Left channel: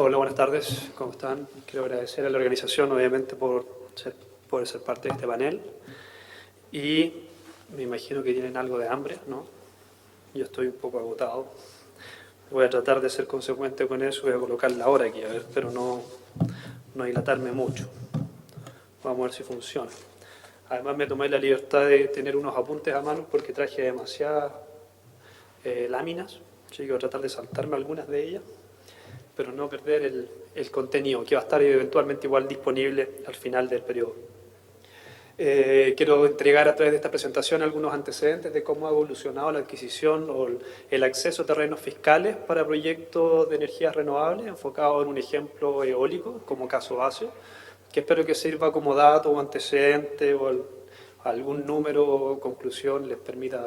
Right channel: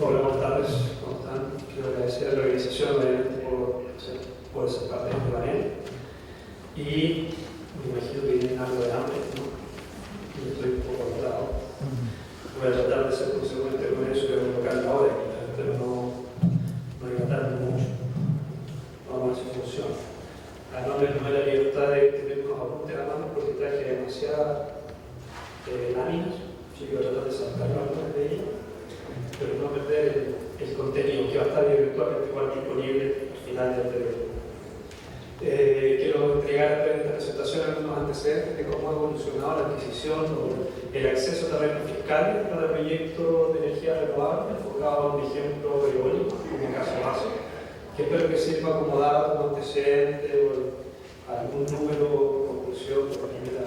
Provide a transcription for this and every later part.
Hola, buenas tardes, ¿cómo están? Quiero agradecer a la organización, obviamente, por ser parte de este panel. Y me imagino que tienen algo de hambre, ¿no? Yo estoy un poco agotado. Voy a tratar de ser consecuente con eso y voy a colocar la hora aquí, pero no dilatarme mucho. Vamos a ver si funciona. Además, me tomé la libertad de tener unos apuntes a mano porque traje demasiadas láminas. Así que voy a tratar de saltarme algunas de ellas, pero no perder el contenido, que va a estar eventualmente igual disponible al final del periodo. Quiero entregar a través de esta presentación algunos antecedentes de cómo ha evolucionado la adquisición o el acceso a terrenos fiscales para proyectos de energías renovables, enfocado en un ejemplo eólico como caso base, que espero que sirva como dato o antecedente o algún número o conclusión les permita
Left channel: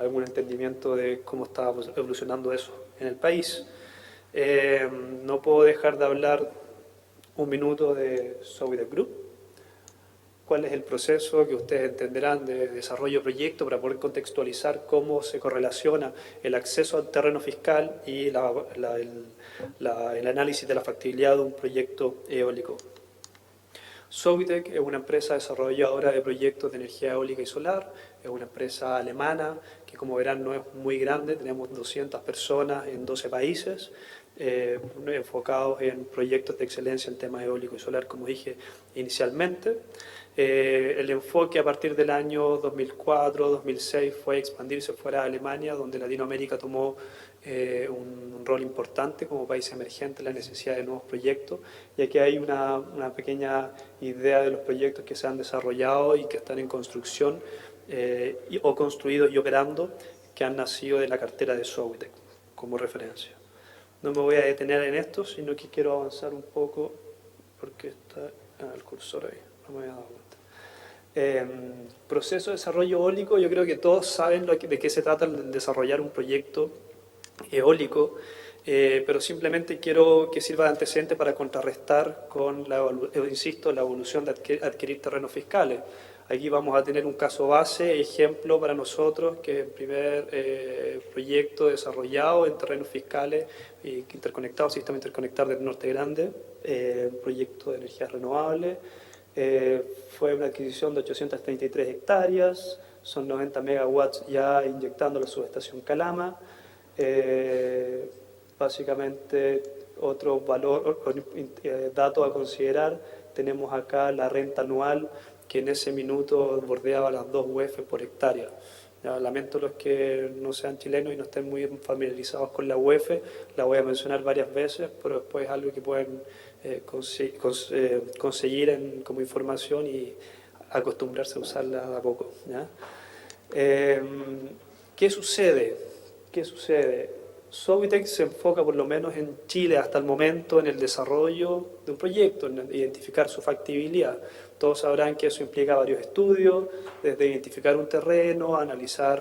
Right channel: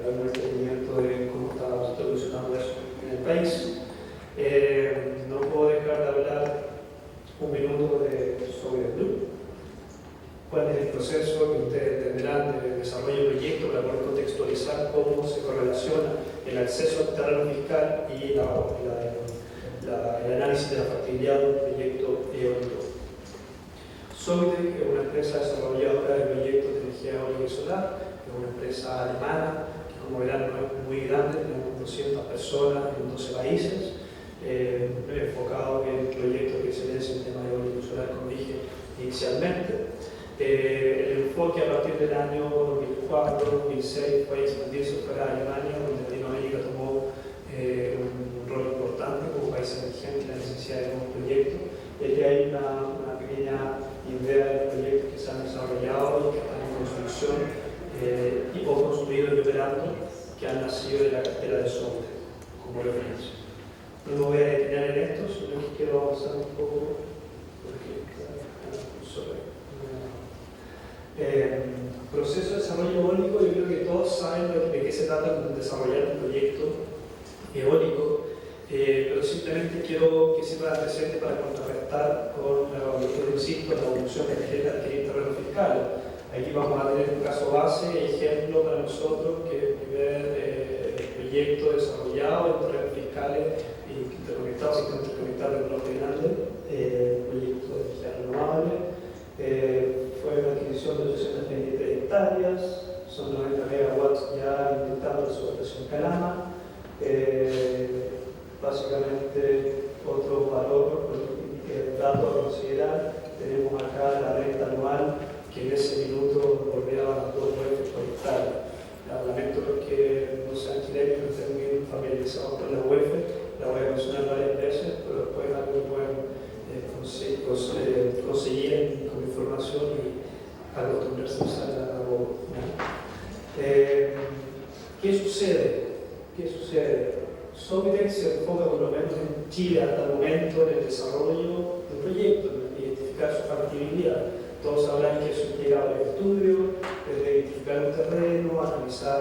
algún entendimiento de cómo está evolucionando eso en el país. No puedo dejar de hablar un minuto de Sowide Group. ¿Cuál es el proceso que ustedes entenderán de desarrollo de proyecto para poder contextualizar cómo se correlaciona el acceso al terreno fiscal y el análisis de la factibilidad de un proyecto eólico? Sowide es una empresa desarrolladora de proyectos de energía eólica y solar, es una empresa alemana que, como verán, no es muy grande, tenemos 200 personas en 12 países, enfocados en proyectos de excelencia en temas eólico y solar, como dije inicialmente. El enfoque a partir del año 2004-2006 fue expandirse fuera de Alemania, donde Latinoamérica tomó un rol importante como país emergente en la necesidad de nuevos proyectos, y aquí hay una pequeña idea de los proyectos que se han desarrollado y que están en construcción o construidos y operando, que han nacido de la cartera de Sowide como referencia. No me voy a detener en esto, sino que quiero avanzar un poco porque está el cursor ahí. Proceso de desarrollo eólico, yo creo que todos saben de qué se trata el desarrollar un proyecto eólico, pero simplemente quiero que sirva de antecedente para contrarrestar con la evolución de adquirir terrenos fiscales. Aquí vamos a tener un caso base, ejemplo para nosotros, que es el primer proyecto desarrollado en terrenos fiscales interconectado, sistema interconectado del Norte Grande, un proyecto de energía renovable. Fue una adquisición de 833 hectáreas, son 90 megawatts ya inyectando la subestación Calama. Básicamente, otro valor, dato a considerar, tenemos acá la renta anual que en ese minuto bordeaba las 2 UF por hectárea. Ya, lamento los que no sean chilenos y no estén muy familiarizados con la UF, la voy a mencionar varias veces, pero después es algo que pueden conseguir como información y acostumbrarse a usarla a poco. ¿Qué sucede? Sowide se enfoca, por lo menos en Chile hasta el momento, en el desarrollo de un proyecto, en identificar su factibilidad. Todos sabrán que eso implica varios estudios, desde identificar un terreno, analizar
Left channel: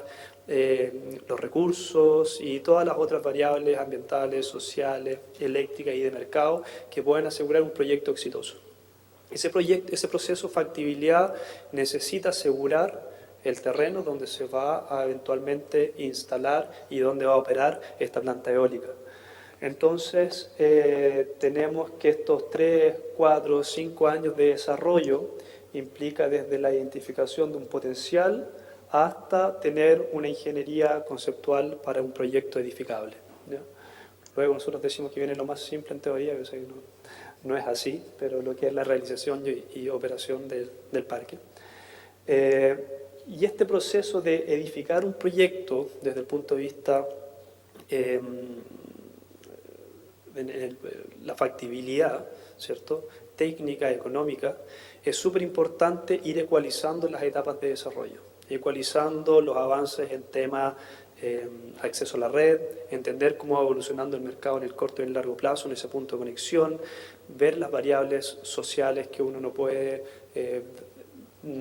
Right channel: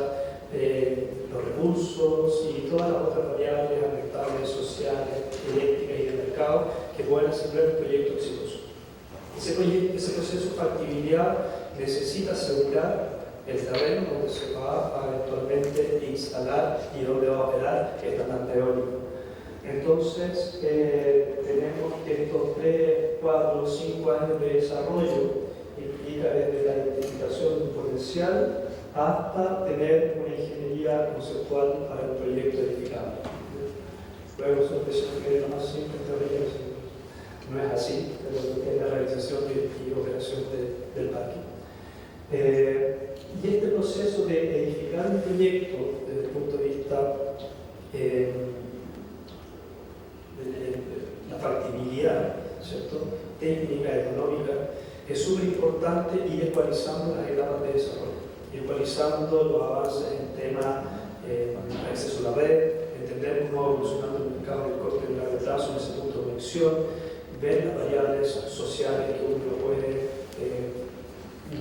los recursos y todas las otras variables ambientales, sociales, eléctricas y de mercado que pueden asegurar un proyecto exitoso. Ese proceso de factibilidad necesita asegurar el terreno donde se va a eventualmente instalar y donde va a operar esta planta eólica. Entonces, tenemos que estos 3, 4, 5 años de desarrollo implica desde la identificación de un potencial hasta tener una ingeniería conceptual para un proyecto edificable. Luego nosotros decimos que viene lo más simple en teoría, no es así, pero lo que es la realización y operación del parque. Y este proceso de edificar un proyecto desde el punto de vista de la factibilidad, ¿cierto?, técnica, económica, es súper importante ir ecualizando las etapas de desarrollo, ecualizando los avances en temas acceso a la red, entender cómo va evolucionando el mercado en el corto y el largo plazo, en ese punto de conexión, ver las variables sociales que uno puede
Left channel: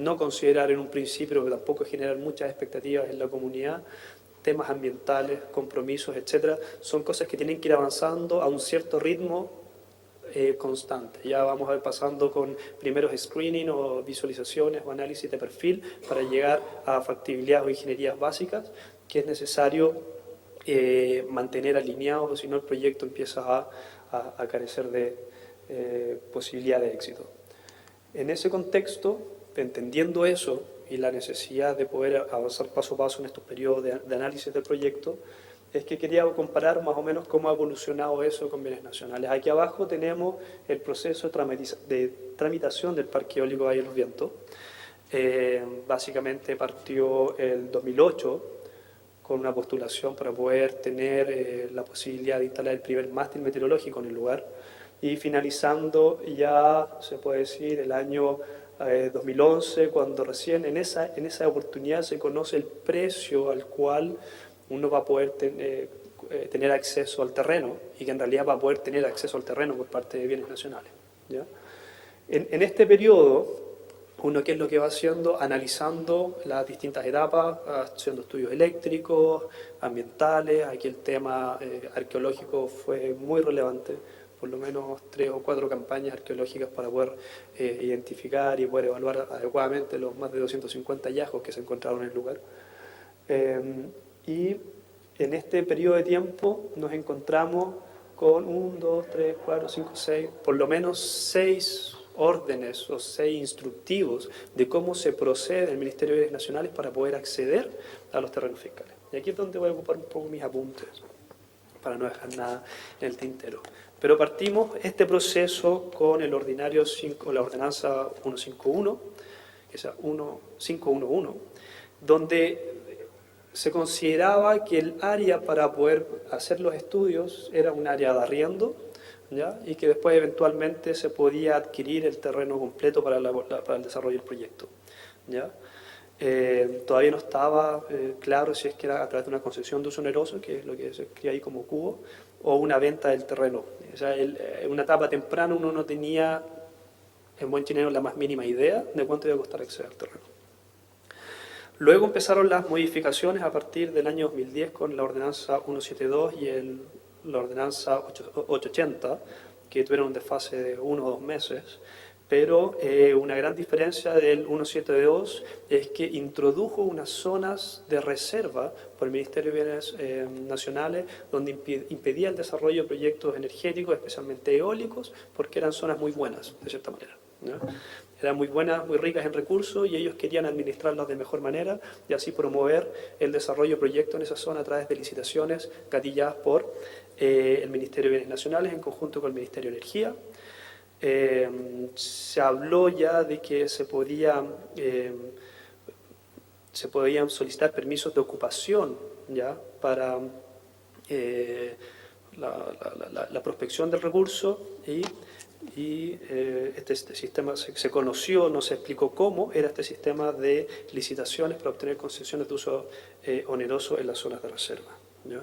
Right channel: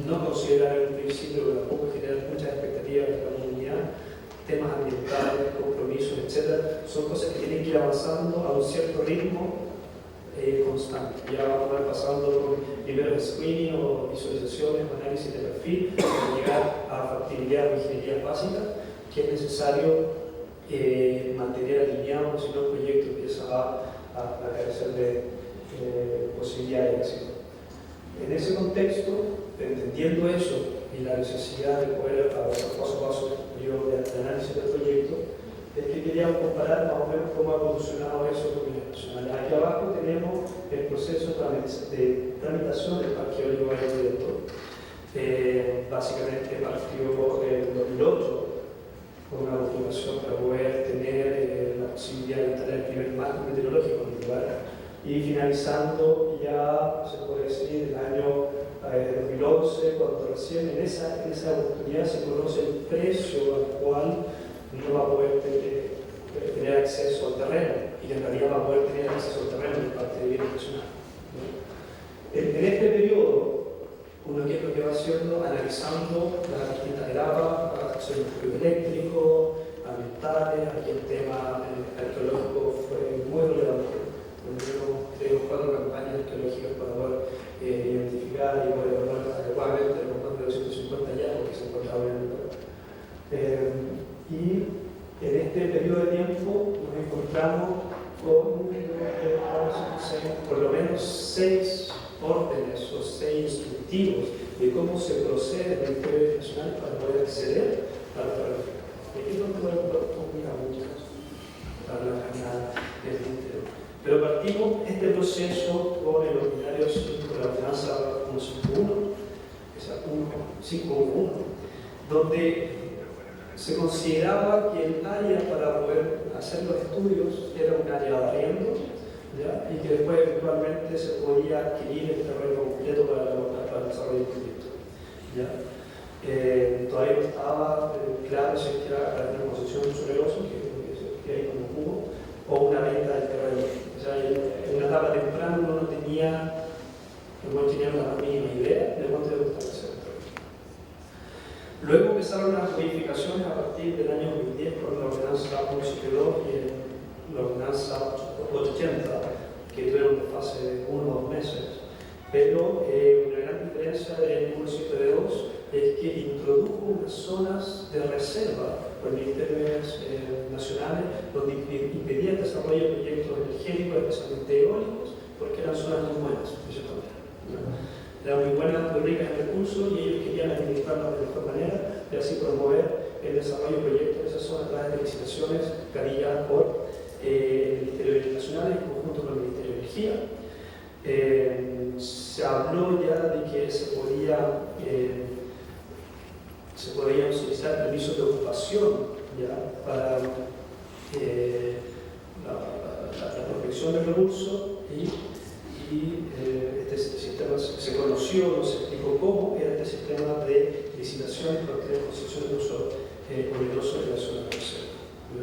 no considerar en un principio, pero tampoco generar muchas expectativas en la comunidad, temas ambientales, compromisos, etc. Son cosas que tienen que ir avanzando a un cierto ritmo constante. Ya vamos a ir pasando por primeros screening o visualizaciones o análisis de perfil para llegar a factibilidad o ingenierías básicas, que es necesario mantener alineado, si no el proyecto empieza a a carecer de posibilidad de éxito. En ese contexto, entendiendo eso y la necesidad de poder avanzar paso a paso en estos periodos de análisis de proyectos, es que queríamos comparar más o menos cómo ha evolucionado eso con bienes nacionales. Aquí abajo tenemos el proceso de tramitación del Parque Eólico Valle del Viento. Básicamente partió en 2008 con una postulación para poder tener la posibilidad de instalar el primer mástil meteorológico en el lugar, y finalizando ya, se puede decir, el año 2011, cuando recién en esa oportunidad se conoce el precio al cual uno va a poder tener acceso al terreno, y que en realidad va a poder tener acceso al terreno por parte de bienes nacionales. En este periodo, uno qué es lo que va haciendo, analizando las distintas etapas, haciendo estudios eléctricos, ambientales. Aquí el tema arqueológico fue muy relevante, por lo menos 3 o 4 campañas arqueológicas para poder identificar y poder evaluar adecuadamente los más de 250 hallazgos que se encontraban en el lugar. Y en este periodo de tiempo nos encontramos con 1, 2, 3, 4, 5, 6, por lo menos 6 órdenes o 6 instructivos de cómo se procede en el Ministerio de Bienes Nacionales para poder acceder a los terrenos fiscales. Y aquí es donde voy a ocupar un poco mis apuntes, para no dejar nada en el tintero. Pero partimos este proceso con el ordinario 5, la ordenanza 151, esa 1511, donde se consideraba que el área para poder hacer los estudios era un área de arriendo, ¿ya? Y que después eventualmente se podía adquirir el terreno completo para el desarrollo del proyecto, ¿ya? Todavía no estaba claro si es que era a través de una concesión de uso oneroso, que es lo que se escribe ahí como cubo, o una venta del terreno. O sea, en una etapa temprana uno no tenía, en buen chileno, la más mínima idea de cuánto iba a costar acceder al terreno. Luego empezaron las modificaciones a partir del año 2010 con la ordenanza 172 y la ordenanza 880, que tuvieron un desfase de 1 o 2 meses. Pero una gran diferencia del 172 es que introdujo unas zonas de reserva por el Ministerio de Bienes Nacionales, donde impedía el desarrollo de proyectos energéticos, especialmente eólicos, porque eran zonas muy buenas, de cierta manera, ¿no? Eran muy buenas, muy ricas en recursos, y ellos querían administrarlas de mejor manera y así promover el desarrollo de proyectos en esa zona a través de licitaciones gatilladas por el Ministerio de Bienes Nacionales en conjunto con el Ministerio de Energía. Se habló ya de que se podían solicitar permisos de ocupación, ¿ya?, para la prospección del recurso, y este sistema se conoció, no se explicó cómo era este sistema de licitaciones para obtener concesiones de uso oneroso en la zona de reserva, ¿ya?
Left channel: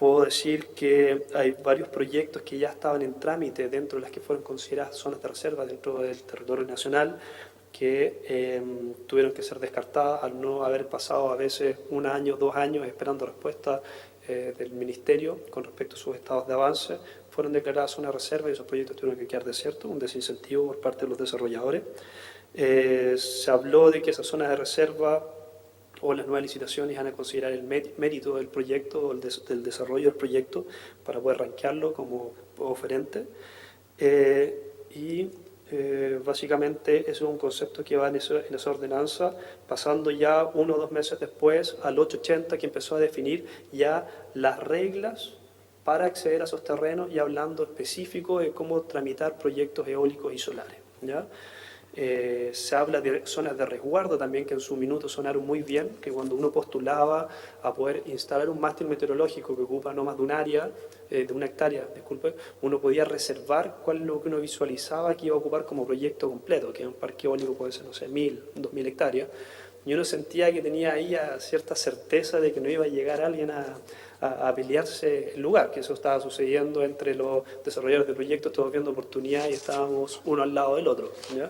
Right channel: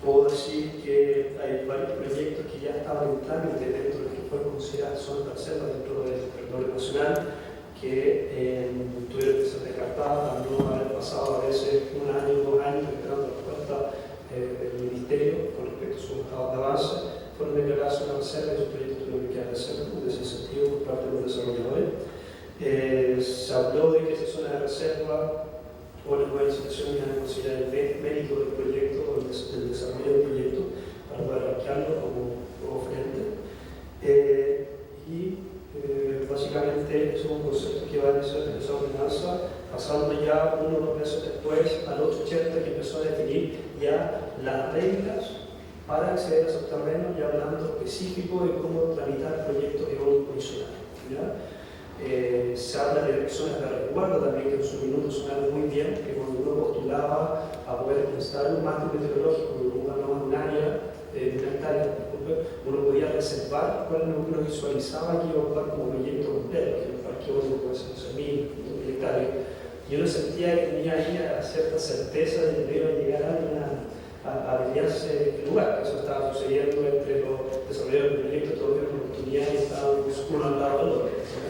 Puedo decir que hay varios proyectos que ya estaban en trámite dentro de las que fueron consideradas zonas de reserva dentro del territorio nacional, que tuvieron que ser descartadas al no haber pasado a veces 1 año, 2 años esperando respuesta del Ministerio con respecto a sus estados de avance. Fueron declaradas zonas de reserva y esos proyectos tuvieron que quedar desiertos, un desincentivo por parte de los desarrolladores. Se habló de que esas zonas de reserva o las nuevas licitaciones iban a considerar el mérito del proyecto, del desarrollo del proyecto, para poder rankearlo como oferente. Básicamente eso es un concepto que va en esa ordenanza, pasando ya 1 o 2 meses después al 880, que empezó a definir ya las reglas para acceder a esos terrenos y hablando específico de cómo tramitar proyectos eólicos y solares, ¿ya? Se habla de zonas de resguardo también, que en su minuto sonaron muy bien, que cuando uno postulaba a poder instalar un mástil meteorológico que ocupa no más de un área, de 1 hectárea, disculpe, uno podía reservar cuál es lo que uno visualizaba que iba a ocupar como proyecto completo, que un parque eólico puede ser, no sé, 1000, 2000 hectáreas, y uno sentía que tenía ahí cierta certeza de que no iba a llegar alguien a pelearse el lugar, que eso estaba sucediendo entre los desarrolladores de proyectos, todos viendo oportunidades y estábamos uno al lado del otro, ¿ya?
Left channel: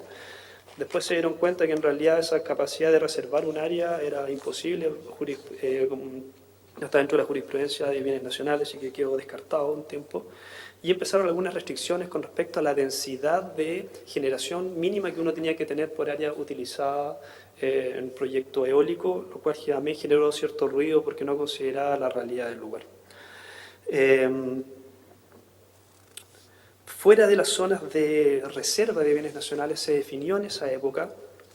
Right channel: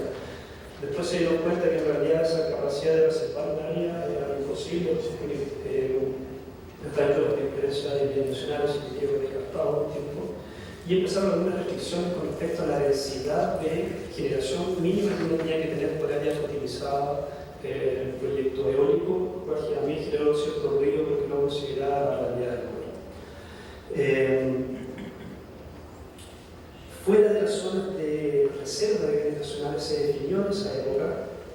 Después se dieron cuenta que en realidad esa capacidad de reservar un área era imposible, no estaba dentro de la jurisprudencia de bienes nacionales, y que quedó descartado un tiempo. Y empezaron algunas restricciones con respecto a la densidad de generación mínima que uno tenía que tener por área utilizada en un proyecto eólico, lo cual a mí generó cierto ruido porque no consideraba la realidad del lugar. Fuera de las zonas de reserva de bienes nacionales se definió en esa época,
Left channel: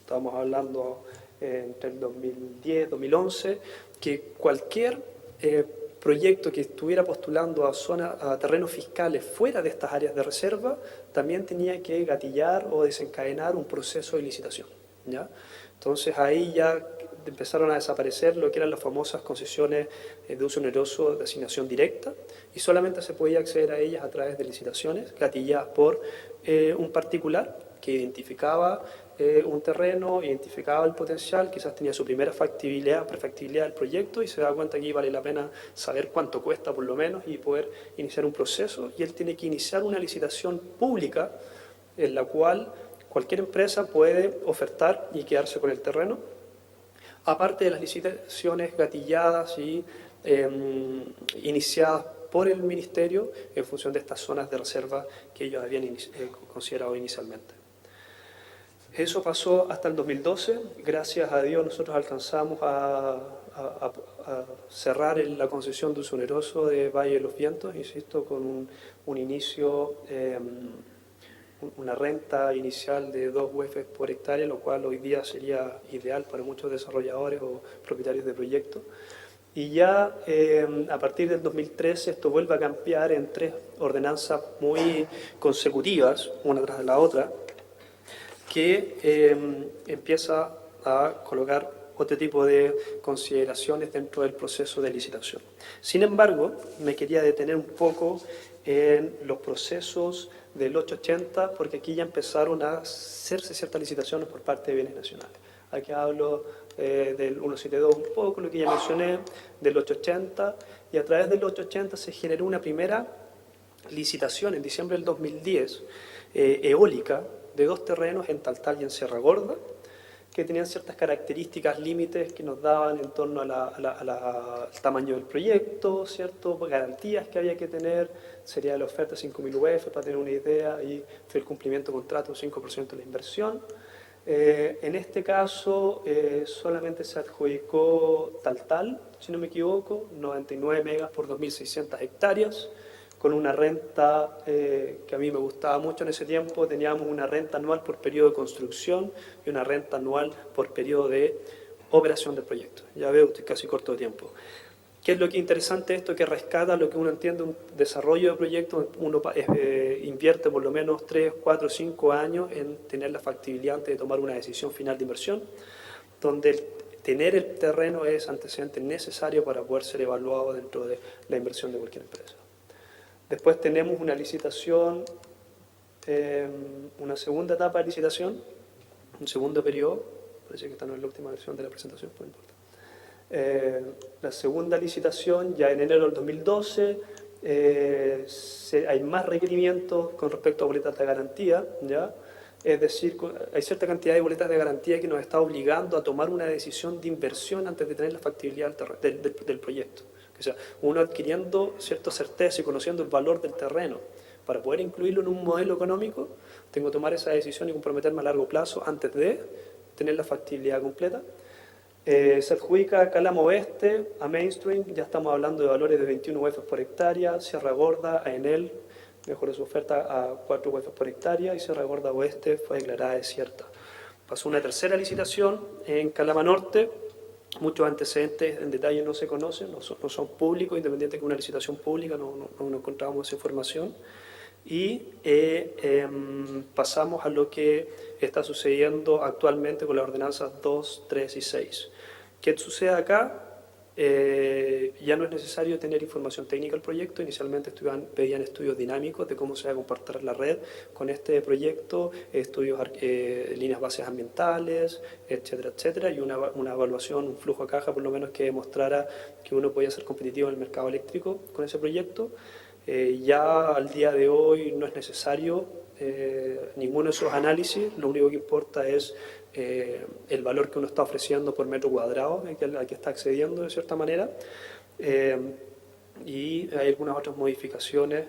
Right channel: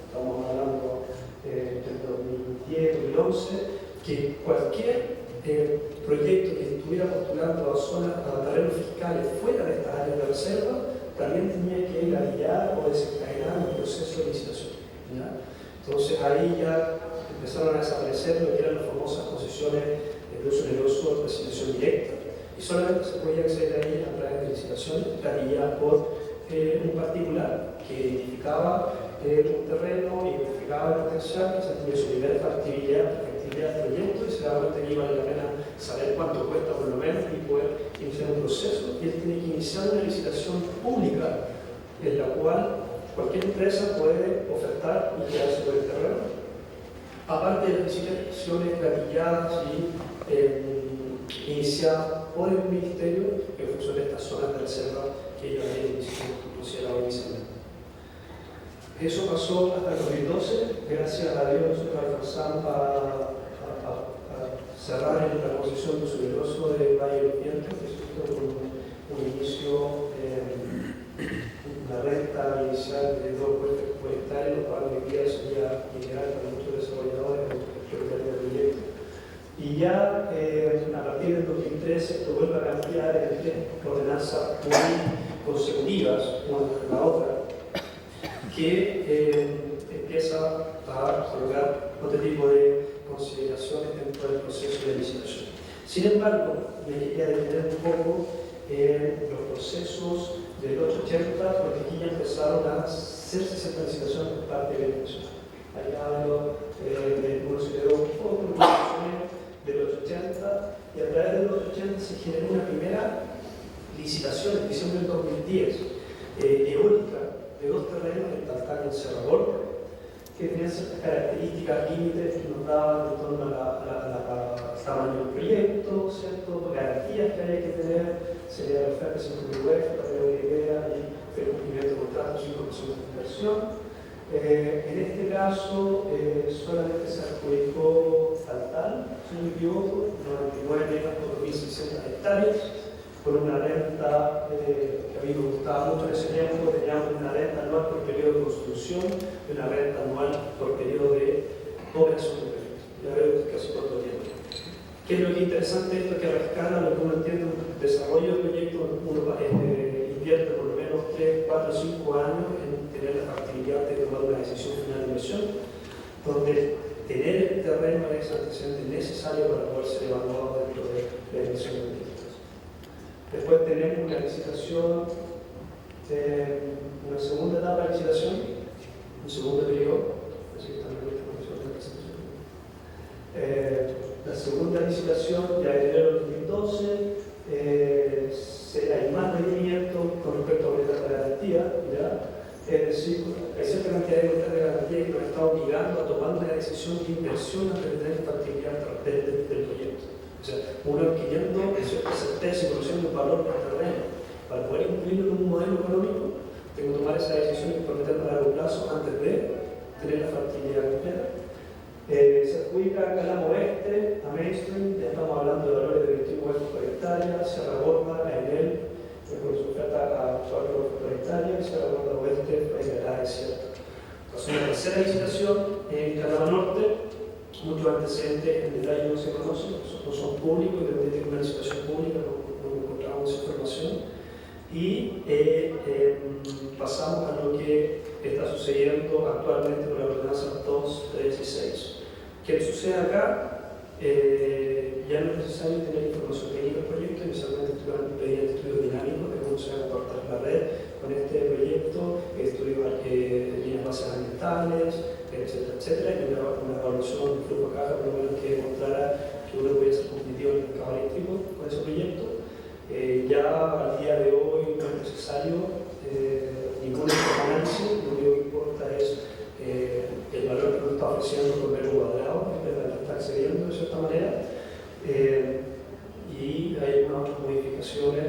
estamos hablando entre el 2010, 2011, que cualquier proyecto que estuviera postulando a terrenos fiscales fuera de estas áreas de reserva también tenía que gatillar o desencadenar un proceso de licitación, ¿ya? Entonces ahí ya empezaron a desaparecer lo que eran las famosas concesiones de uso oneroso de asignación directa, y solamente se podía acceder a ellas a través de licitaciones gatilladas por un particular que identificaba un terreno, identificaba el potencial, quizás tenía su primera prefactibilidad del proyecto y se da cuenta que aquí vale la pena saber cuánto cuesta por lo menos y poder iniciar un proceso, y él tiene que iniciar una licitación pública en la cual cualquier empresa puede ofertar y quedarse con el terreno, aparte de las licitaciones gatilladas y iniciadas por el Ministerio en función de estas zonas de reserva que ellos habían considerado inicialmente. Eso pasó hasta el 2012, gracias a Dios nosotros alcanzamos a cerrar en la concesión de uso oneroso de Valle de los Vientos, insisto, por un inicio, una renta inicial de 2 UF por hectárea, lo cual hoy día sería ideal para muchos desarrolladores o propietarios de proyectos. Y ya a partir del 2013 esto vuelve a cambiar en 3 ordenanzas muy consecutivas, una tras la otra, que empieza a colocar otro tipo de consideraciones dentro del proceso de licitación. Sin embargo, me quería detener un poco en los procesos del 880, porque aquí ya empezaron a hacerse ciertas licitaciones por parte de bienes nacionales. Aquí hablo del 172 un poco, lo que ya mencioné, del 880, y a través del 880 se generó una primera licitación en diciembre del 2010, eólica, de 2 terrenos en Taltal y en Sierra Gorda, que tenían ciertas características límites que nos daban en torno al tamaño del proyecto, ¿cierto? Garantías que había que tener, sería la oferta de 5.000 UF, para tener una idea, y el cumplimiento de contrato, 5% de inversión. En este caso, solamente se adjudicó Taltal, si no me equivoco, 99 megas por 2.600 hectáreas, con una renta que a mí me gustaba mucho en ese tiempo. Teníamos una renta anual por periodo de construcción y una renta anual por periodo de operación del proyecto. Ya veo, estoy casi corto de tiempo. ¿Qué es lo que es interesante esto? Que rescata lo que uno entiende un desarrollo de proyecto. Uno invierte por lo menos 3, 4, 5 años en tener la factibilidad de tomar una decisión final de inversión, donde tener el terreno es antecedente necesario para poder ser evaluado dentro de la inversión en cualquier empresa. Después tenemos una licitación, una segunda etapa de licitación, un segundo periodo, parece que está en la última versión de la presentación. La segunda licitación, ya en enero del 2012, hay más requerimientos con respecto a boletas de garantía, ¿ya? Es decir, hay cierta cantidad de boletas de garantía que nos está obligando a tomar una decisión de inversión antes de tener la factibilidad del proyecto. O sea, uno adquiriendo cierta certeza y conociendo el valor del terreno, para poder incluirlo en un modelo económico, tengo que tomar esa decisión y comprometerme a largo plazo antes de tener la factibilidad completa. Se adjudica a Calama Oeste, a Mainstream, ya estamos hablando de valores de 21 UF por hectárea, Sierra Gorda, a Enel, mejoró su oferta a 4 UF por hectárea, y Sierra Gorda Oeste fue declarada desierta. Pasó una tercera licitación en Calama Norte. Muchos antecedentes en detalle no se conocen, no son públicos, independiente de que una licitación pública no encontramos esa información. Y pasamos a lo que está sucediendo actualmente con las ordenanzas 2, 3 y 6. ¿Qué sucede acá? Ya no es necesario tener información técnica del proyecto. Inicialmente pedían estudios dinámicos de cómo se va a comportar la red con este proyecto, estudios, líneas bases ambientales, etcétera, etcétera, y una evaluación, un flujo de caja por lo menos que demostrara que uno podía ser competitivo en el mercado eléctrico con ese proyecto. Ya al día de hoy no es necesario ninguno de estos análisis, lo único que importa es el valor que uno está ofreciendo por metro cuadrado, al que está accediendo de cierta manera, y hay algunas otras modificaciones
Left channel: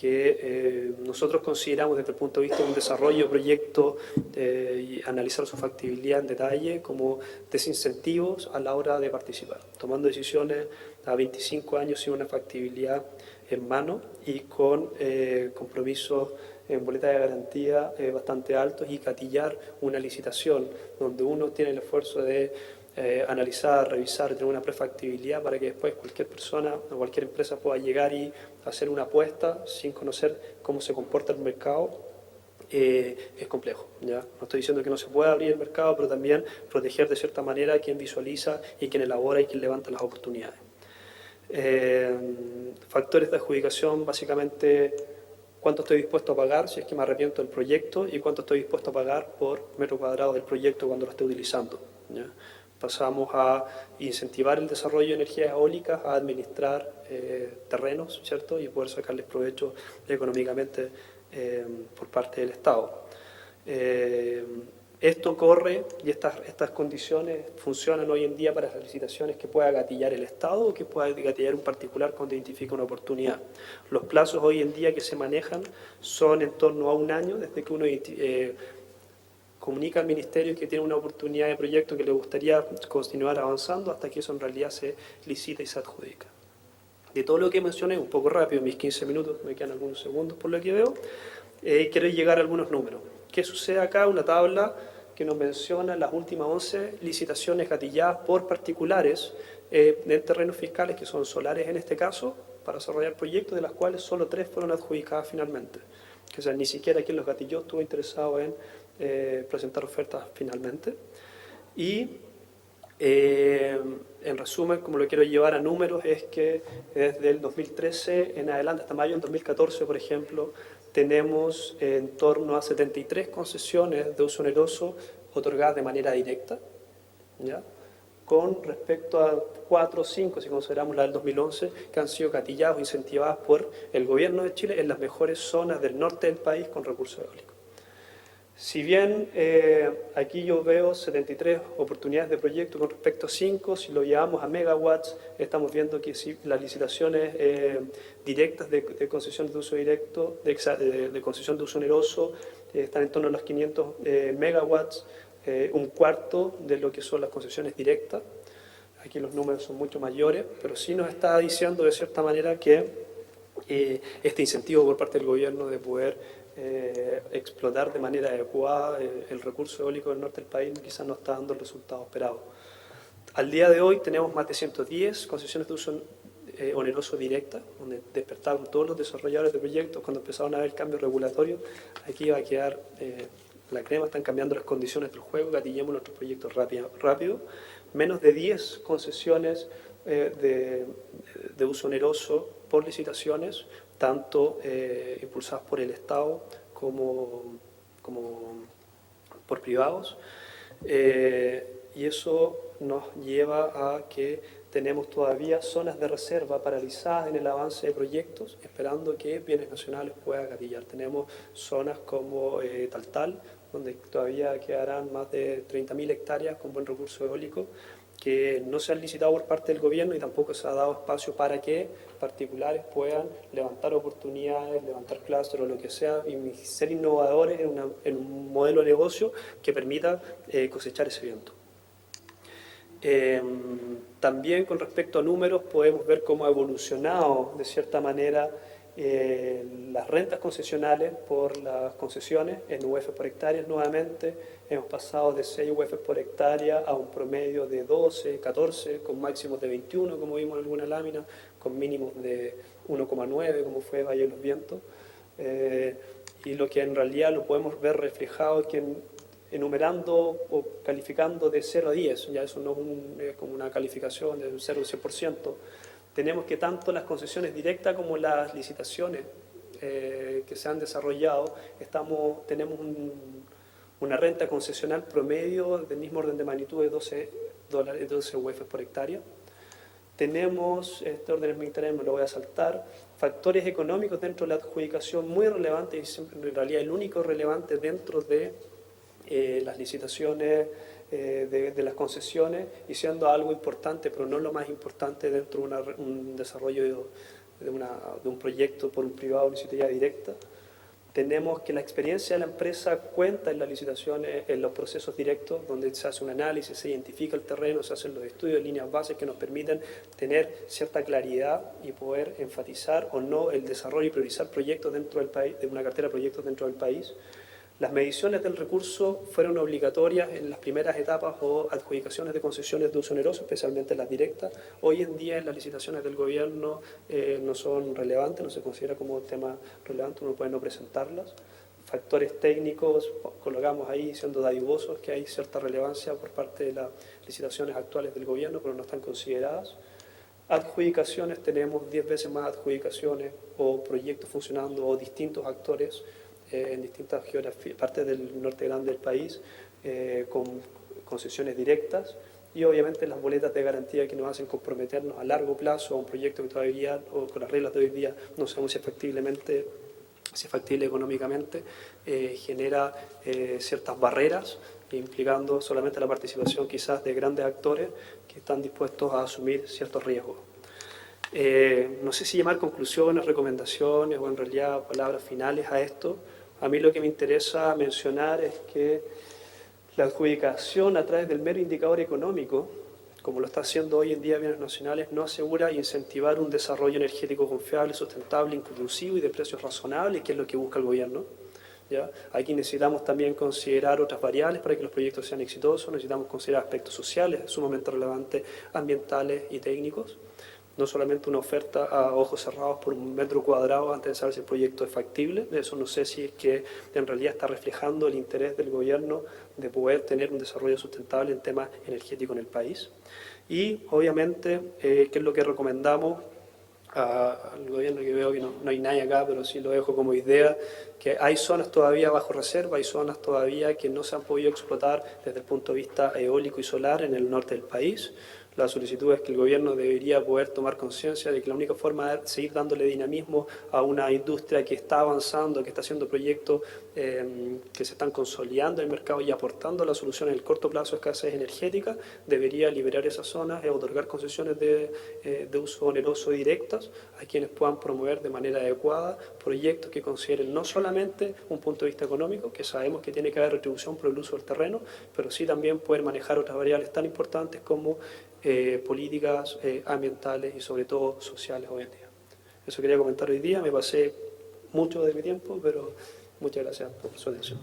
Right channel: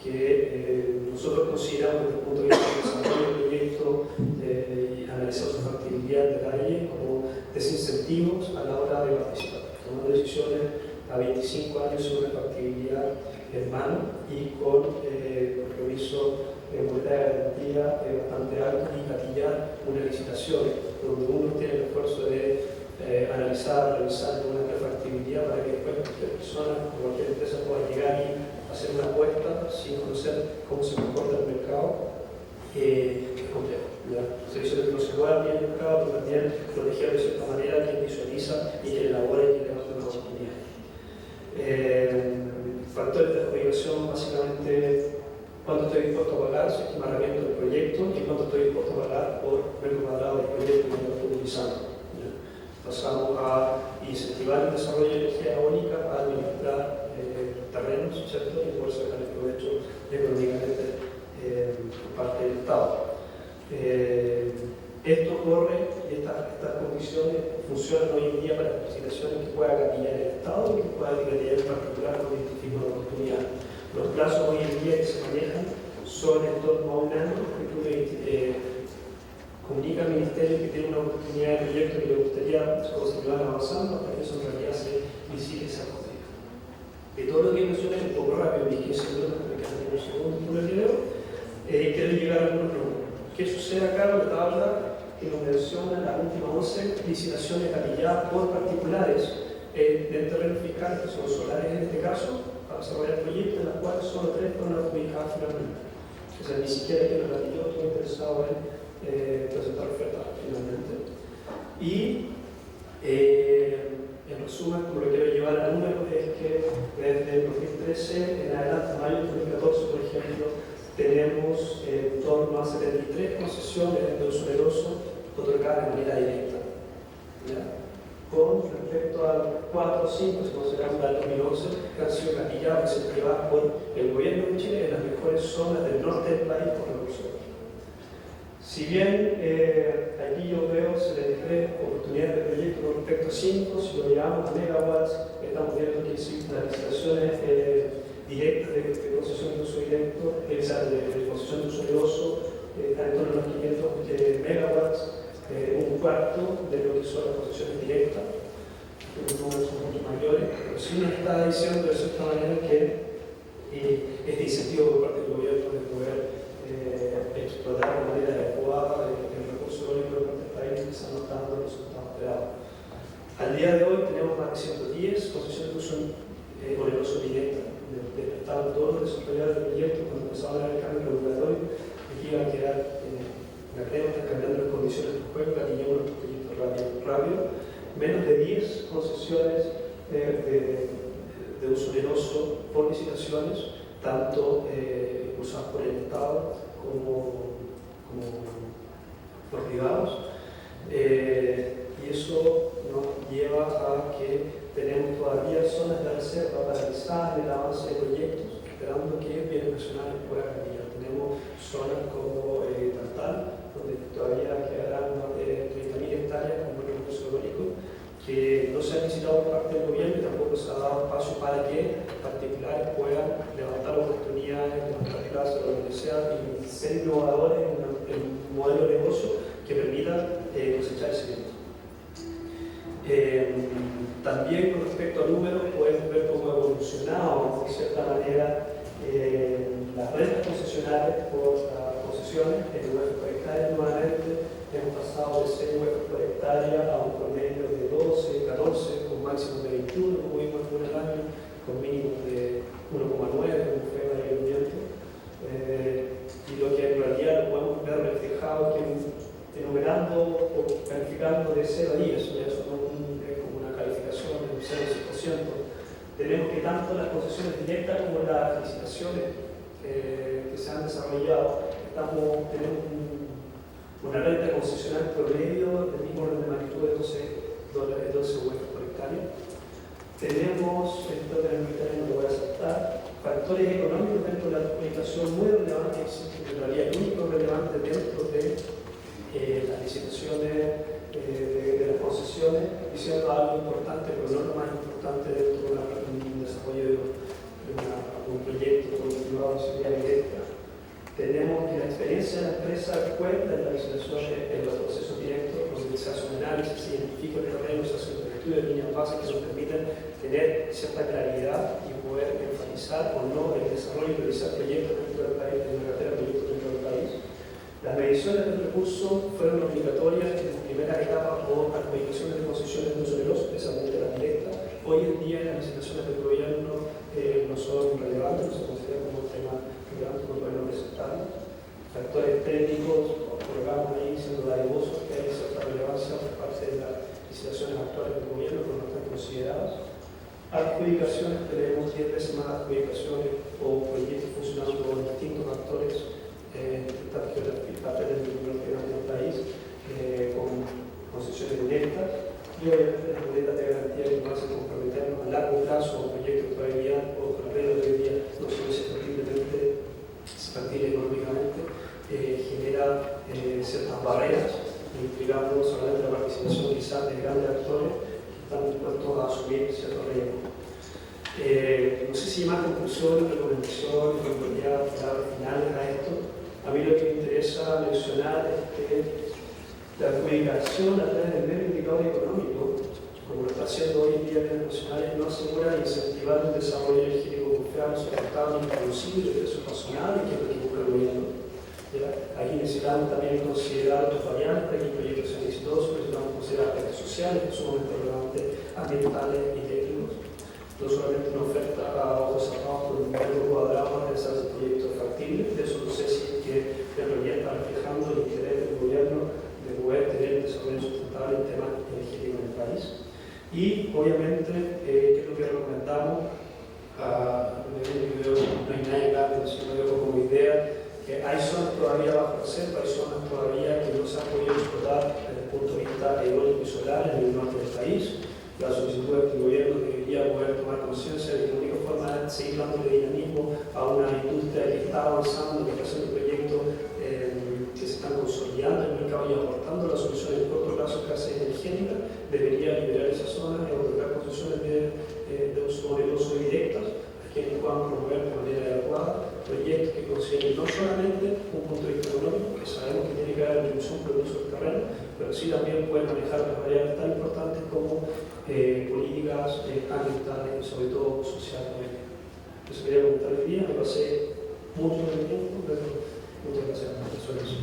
que nosotros consideramos desde el punto de vista del desarrollo del proyecto y analizar su factibilidad en detalle como desincentivos a la hora de participar, tomando decisiones a 25 años sin una factibilidad en mano y con compromiso en boleta de garantía bastante alto, y gatillar una licitación donde uno tiene el esfuerzo de analizar, revisar, tener una prefactibilidad para que después cualquier persona o cualquier empresa pueda llegar y hacer una apuesta sin conocer cómo se comporta el mercado, es complejo. ¿Ya? No estoy diciendo que no se pueda abrir el mercado, pero también proteger de cierta manera a quien visualiza y quien elabora y quien levanta las oportunidades. Factores de adjudicación, básicamente cuánto estoy dispuesto a pagar si es que me arrepiento del proyecto, y cuánto estoy dispuesto a pagar por metro cuadrado del proyecto cuando lo esté utilizando. ¿Ya? Pasamos a incentivar el desarrollo de energías eólicas, a administrar terrenos, ¿cierto? Y poder sacarle provecho económicamente por parte del Estado. Esto corre, y estas condiciones funcionan hoy en día para las licitaciones que pueda gatillar el Estado o que pueda gatillar en particular cuando identifica una oportunidad. Los plazos hoy en día que se manejan son en torno a un año desde que uno comunica al Ministerio que tiene una oportunidad de proyecto que le gustaría continuar avanzando hasta que eso en realidad se licita y se adjudica. De todo lo que mencioné, un poco rápido, en mis 15 minutos, me quedan unos segundos por lo que veo, quiero llegar a algunos números. ¿Qué sucede acá? Una tabla que nos menciona las últimas 11 licitaciones gatilladas por particulares de terrenos fiscales, que son solares en este caso, para desarrollar proyectos, de las cuales solo 3 fueron adjudicadas finalmente. O sea, ni siquiera quien los gatilló estuvo interesado en presentar ofertas finalmente. Y en resumen, como lo quiero llevar a números, es que desde el 2013 en adelante hasta mayo del 2014, por ejemplo, tenemos en torno a 73 concesiones de uso oneroso otorgadas de manera directa, ¿ya? Con respecto a 4 o 5, si consideramos la del 2011, que han sido gatilladas o incentivadas por el gobierno de Chile en las mejores zonas del norte del país con recursos eólicos. Si bien aquí yo veo 73 oportunidades de proyecto con respecto a 5, si lo llevamos a megawatts, estamos viendo que si las licitaciones directas de concesión de uso directo, de concesión de uso oneroso, están en torno a los 500 megawatts, un cuarto de lo que son las concesiones directas. Aquí los números son mucho mayores, pero sí nos está diciendo de cierta manera que este incentivo por parte del gobierno de poder explotar de manera adecuada el recurso eólico del norte del país quizás no está dando los resultados esperados. Al día de hoy tenemos más de 110 concesiones de uso oneroso directa, donde despertaron todos los desarrolladores de proyectos cuando empezaron a haber cambios regulatorios. Aquí va a quedar la crema, están cambiando las condiciones del juego, gatillemos nuestros proyectos rápido. Menos de 10 concesiones de uso oneroso por licitaciones, tanto impulsadas por el Estado como por privados, y eso nos lleva a que tenemos todavía zonas de reserva paralizadas en el avance de proyectos, esperando que bienes nacionales puedan gatillar. Tenemos zonas como Taltal, donde todavía quedarán más de 30.000 hectáreas con buen recurso eólico, que no se han licitado por parte del gobierno y tampoco se ha dado espacio para que particulares puedan levantar oportunidades, levantar plazos o lo que sea, y ser innovadores en un modelo de negocio que permita cosechar ese viento. También con respecto a números podemos ver cómo ha evolucionado de cierta manera las rentas concesionales por las concesiones en UF por hectárea. Nuevamente hemos pasado de 6 UF por hectárea a un promedio de 12, 14, con máximos de 21, como vimos en algunas láminas, con mínimos de 1,9, como fue Valle del Viento. Y lo que en realidad lo podemos ver reflejado es que enumerando o calificando de 0 a 10, ya eso no es como una calificación de un 0 a 100%, tenemos que tanto las concesiones directas como las licitaciones que se han desarrollado, tenemos una renta concesional promedio del mismo orden de magnitud de 12 UF por hectárea. Tenemos, el orden de tenemos, lo voy a saltar, factores económicos dentro de la adjudicación muy relevantes, en realidad el único relevante dentro de las licitaciones de las concesiones, y siendo algo importante, pero no lo más importante dentro de un desarrollo de un proyecto por un privado de seguridad directa. Tenemos que la experiencia de la empresa cuenta en la licitación, en los procesos directos, donde se hace un análisis, se identifica el terreno, se hacen los estudios, líneas básicas que nos permiten tener cierta claridad y poder enfatizar o no el desarrollo y priorizar proyectos dentro del país, de una cartera de proyectos dentro del país. Las mediciones del recurso fueron obligatorias en las primeras etapas o adjudicaciones de concesiones de uso oneroso, especialmente las directas. Hoy en día en las licitaciones del gobierno no son relevantes, no se considera como un tema relevante, no pueden presentarlas. Factores técnicos, colocamos ahí siendo dadivosos que hay cierta relevancia por parte de las licitaciones actuales del gobierno, pero no están consideradas. Adjudicaciones, tenemos 10 veces más adjudicaciones o proyectos funcionando con distintos actores en distintas partes del norte grande del país, con concesiones directas y obviamente las boletas de garantía que nos hacen comprometernos a largo plazo a un proyecto que todavía, o con las reglas de hoy día, no sabemos si es factible económicamente, genera ciertas barreras, implicando solamente la participación quizás de grandes actores que están dispuestos a asumir ciertos riesgos. No sé si llamar conclusiones, recomendaciones o en realidad palabras finales a esto. A mí lo que me interesa mencionar es que la adjudicación a través del mero indicador económico, como lo está haciendo hoy en día bienes nacionales, no asegura incentivar un desarrollo energético confiable, sustentable, inclusivo y de precios razonables, que es lo que busca el gobierno. ¿Ya? Aquí necesitamos también considerar otras variables para que los proyectos sean exitosos, necesitamos considerar aspectos sociales, sumamente relevantes, ambientales y técnicos. No solamente una oferta a ojos cerrados por un metro cuadrado hasta saber si el proyecto es factible. Eso no sé si que en realidad está reflejando el interés del gobierno de poder tener un desarrollo sustentable en temas energéticos en el país. Y obviamente, ¿qué es lo que recomendamos al gobierno? Yo veo que no hay nadie acá, pero sí lo dejo como idea, que hay zonas todavía bajo reserva, hay zonas todavía que no se han podido explotar desde el punto de vista eólico y solar en el norte del país. La solicitud es que el gobierno debería poder tomar conciencia de que la única forma de seguir dándole dinamismo a una industria que está avanzando, que está haciendo proyectos que se están consolidando en el mercado y aportando la solución en el corto plazo a escasez energética, debería liberar esas zonas y otorgar concesiones de uso oneroso directas a quienes puedan promover de manera adecuada proyectos que consideren no solamente un punto de vista económico, que sabemos que tiene que haber retribución por el uso del terreno, pero sí también pueden manejar otras variables tan importantes como políticas ambientales y sobre todo sociales hoy en día. Eso quería comentar hoy día, me pasé mucho de mi tiempo, pero muchas gracias por su atención.